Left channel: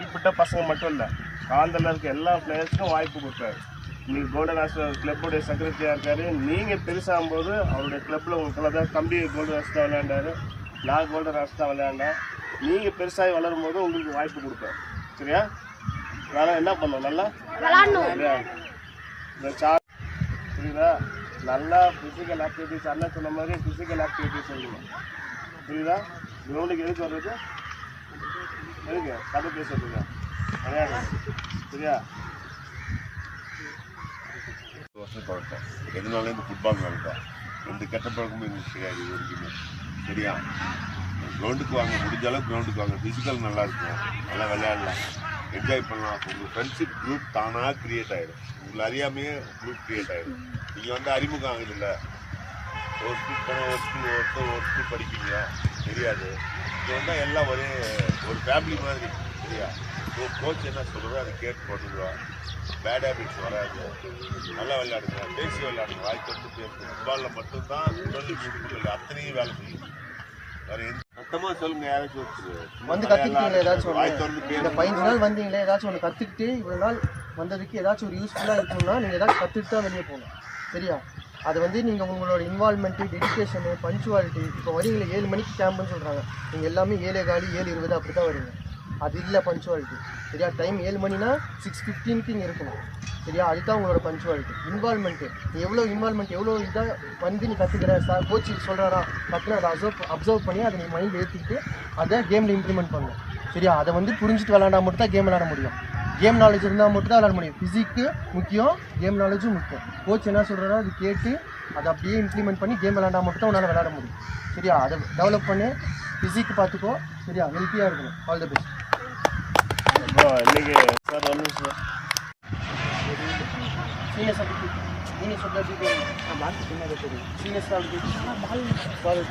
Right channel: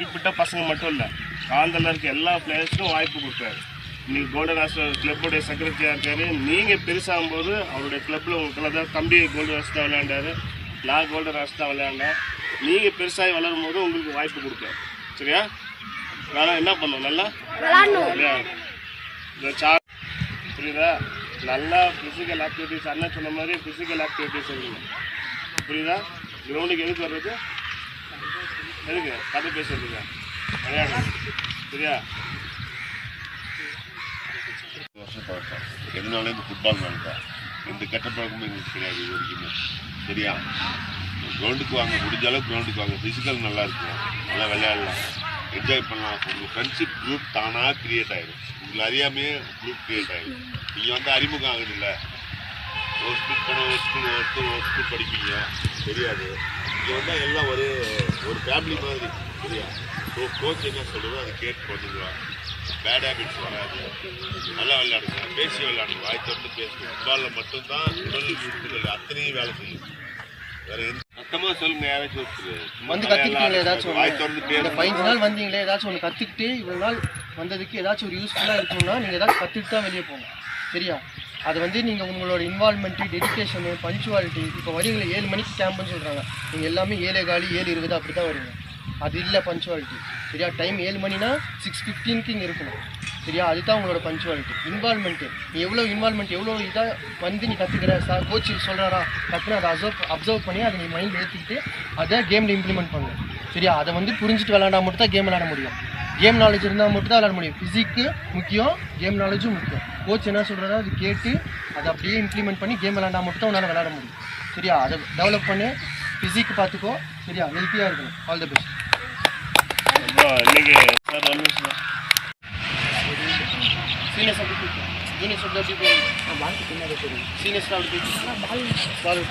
குறிப்பிட்ட பசங்க மட்டும் இல்லை, காந்தலில் இருக்க எல்லா பிளேயர்ஸுக்கும் வாய்ப்பு கொடுத்தாரு. இன்றைக்கி கோல்டன் ஹாஸ்டர் கிளப்புடைய செக்ரட்டரியாக இருக்கார். நீங்கள் பெருசாகும்போது அவருடைய கிளப்பில் உங்களுக்கு தான் தம்பி கோல்டன் ஹாஸ்டர் தான் விளையாண்டார், நான் கோல்டன் ஹாஸ்டர் தான் விளையாண்டேன். நீங்கள் பெருசாகி வளரும் போது உங்களுக்கு வாய்ப்பு கொடுப்பாரு. சரியா? அதனால் என்ன பண்ணணும், நல்லா இல்லையா இந்த புரியுதா? நல்லா ஃபிசிக்கல் ஆக்டிவிட்டிஸ், அண்ணன் சொன்ன மாதிரி ஃபிசிக்கல் ஆக்டிவிட்டிஸ் இருக்கணும். புரியுதா? கிரவுண்டுக்கு எதுக்கு வர்றது? எதுக்கு? கதை பேசுறதுக்கா? விளையாடணும். சரியா? வருஷம் பழக்கம் எதுனாலும் இந்த ஃபுட்பால் தான். எந்த கெட்ட பழக்கமும் எங்களுக்கு கிடையாது இது வரைக்குமே. சரியா? கிரவுண்டுக்கு வாங்க, முடிஞ்ச அளவுக்கு கிரவுண்டுக்கு வாங்க. ஃபிசிக்கல் நல்லா இருக்கும், நல்லா விளையாடலாம், என்ஜாய் பண்ணலாம். உங்கள் ஃப்ரெண்ட்ஷிப் குரூப் தானாக க்ரியேட் ஆகிடும். உங்களை அறியாமையே குரூப் க்ரியேட் ஆகிடும். நீங்கள் அறிமுகம் ஆகுது இல்லை, ஒரு ஸ்கூல் போன ஒரு ஸ்கூல் படிப்பீங்க, தெரியாது. இங்கே எல்லாம் ஒரு ஃபேமிலி மாதிரி. சரியா? கோச் என்ன சொல்கிறதோ அதை கேட்டு பண்ணுங்க. பேட் ஹேபிட்ஸ் வராது. நல்லா விளையாடுங்க, பேசி விளையாடுங்க, வாய் திறந்து பேசுங்க. ஃபுட்பாலில் மட்டும்தான் உடல் உறுப்புகள் அத்தனையும் வேலை செய்யும். வேறு எந்த சத்தமாக சொல்லுங்க. யாராச்சும் வந்து கற்றுக்கிட்டீங்களே ஏதாச்சும் வாய் திறந்து பேசுங்க. 15 நாள் வந்தீங்களே, ஏதாச்சும் ஒன்று கற்றுக்கிட்டு இவ்வளோ நாள் வந்ததுக்கு ஏதாச்சும் ஒரு யூஸ்ஃபுல்லாக இருக்கணும்னா நீங்கள் ஏதாச்சும் கற்றுட்டு தான் வெளியே போகணும். சரியா? அது நீங்கள் உங்களோட இன்வால்மெண்ட்டு, டெடிக்கேஷனு, பஞ்சுவாலிட்டி. இப்போ வரீங்களே 7 மணிக்கு கேம்புன்னு சொல்கிறாங்க, நீங்கள் எல்லாமே 7:15 7:20 அப்படி தான் வரீங்க. அது இல்லை பஞ்சுவாலிட்டி. சரியா? டைம் 7 மணினா 6:15க்கு இங்கே இருக்கணும். சரியா? அதுதான் உங்களோட பஞ்சுவாலிட்டி. இன்வால்மெண்ட்டு, நீ எவ்வளோ இன்வால்மெண்ட், எவ்வளோ இதாக நீ கற்றுக்கிற, கோச் சொல்கிறாரா டக்குன்னு அதை அப்சர்வ் பண்ணி அதை நீ மைண்டில் ஏற்றிக்கிட்டு அதை கேமில் இம்ப்ளிமெண்ட் பண்ணணும். சரியா? அதை புரிஞ்சுட்டு விளாண்டா மட்டும் தான் கேம் விளாட முடியும். கேம் நாலேஜ் இருந்தால் மட்டும் தான் விளாட முடியும். ஃபிசிக்கு முக்கியம், கேம் நாலேஜும் முக்கியம். கோச் என்ன சொல்கிறாரோ அது கேட்டு அதை அப்படியே இம்ப்ளிமெண்ட் பண்ணி கேம் விளாண்டா மட்டும் தான் உன்னால் விளாட முடியும். சரியா? அதை டெவலப் பண்ணி ஃபிசிக்கு பார்த்துக்கோ. சரியா? ஹெல்த்தியாக இருக்கணும். All the best. இன்னைக்கு சார் ஒரு நிமிஷம் சீனியர்ஸ் அப்படி ஜூனியர்ஸ் அப்படி சீனியர்ஸ் அப்படி பால் ஒரு